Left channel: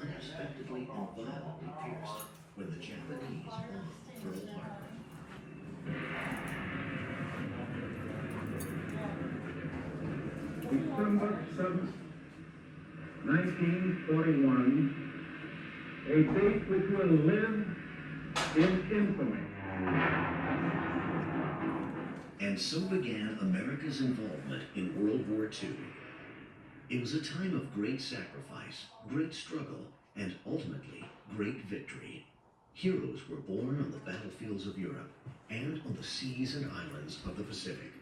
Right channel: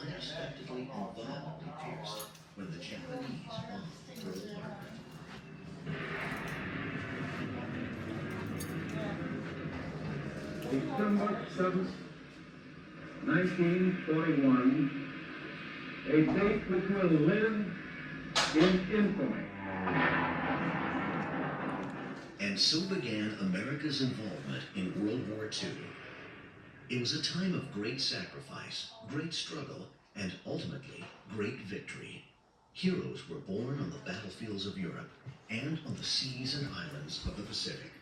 unexpectedly and violently pierced when the Japanese bombed Pearl Harbor. December 7th, 1921, a date which will live in infamy. And so began America's involvement in World War II. It was a time of great sacrifice, great struggle, and ultimately, great victory. Heroes were born on the battlefields of Europe and on the seas and islands of the Pacific.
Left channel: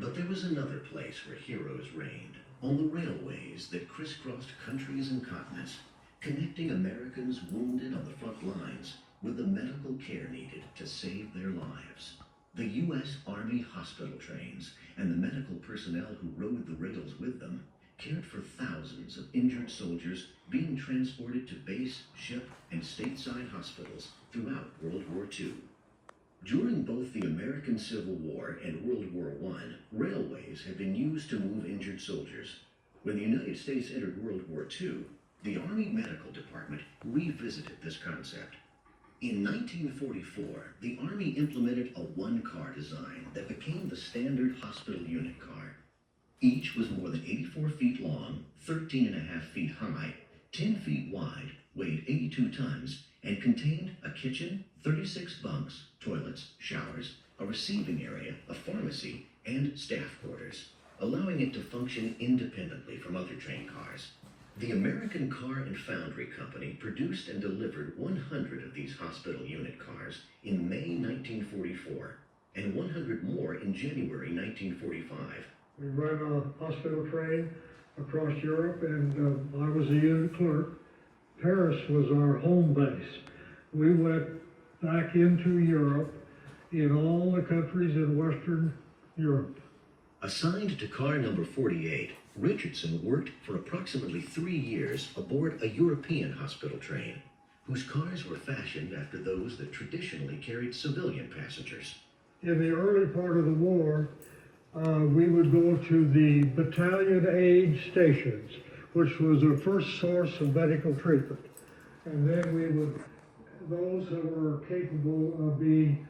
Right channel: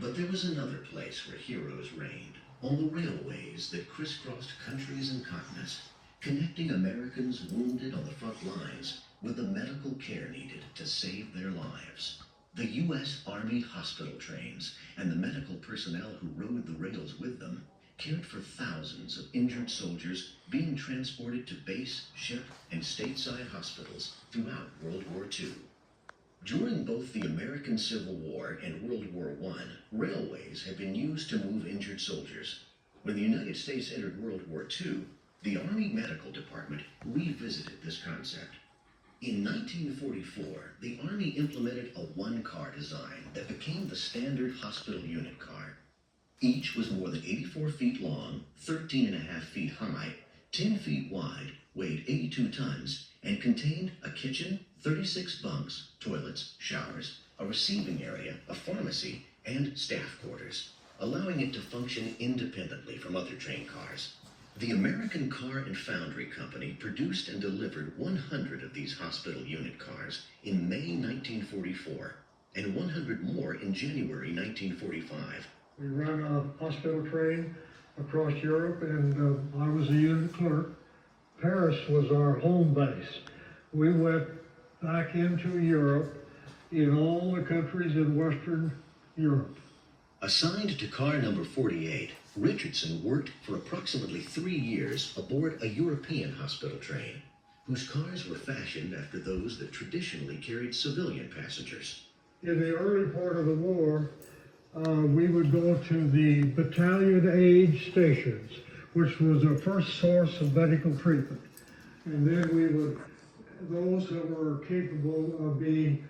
But there was another place where heroes reigned, on the railways that crisscrossed countries and continents, connecting Americans wounded on the front lines with the medical care needed to save their lives. The U.S. Army hospital trains and the medical personnel who rode the rails with them cared for thousands of injured soldiers being transported to base, ship, and stateside hospitals throughout World War II. During both the American Civil War and World War I, railways had been used to move injured soldiers. When the United States entered World War II, the Army Medical Department revisited this concept. In 1944, the Army implemented a one-car design that became the standard hospital unit car. Each was more than 84 feet long, 13.5 feet high, 10 feet wide, weighed 82 tons, and contained a kitchen, 36 bunks, toilets, showers, a receiving area, a pharmacy, and staff quarters, allowing it to function independently from other train cars. The American Car and Foundry Company produced and delivered 100 of these hospital unit cars in May 1944, and 100 more in January 1945. We run a hospital train across Europe, and I was a unit clerk. Paris was our home base. We went back into Europe in all the countries in Western Europe. Assigned to car number 48, Richardson worked for approximately 3 years aboard a European hospital train, whose cars were fashioned after those that traditionally carried civilian passengers. In the early part of the war, we would go to the battalion aid stations, which was the first source of medical treatment. And then we would, those that were capable of being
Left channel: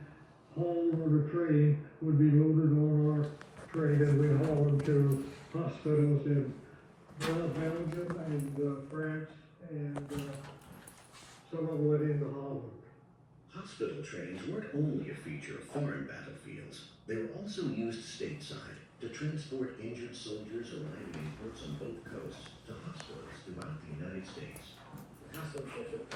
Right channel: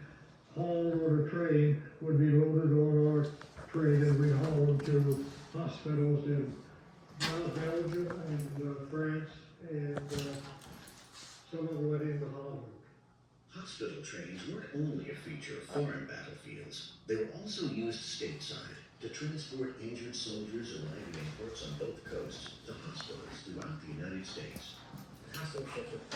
hauled on a train would be loaded on our train, and we'd haul them to hospitals in Belgium and France, and some of them went into Holland. Hospital trains weren't only a feature of foreign battlefields. They were also used stateside to transport injured soldiers arriving in ports on both coasts to hospitals throughout the United States. Hospital ships are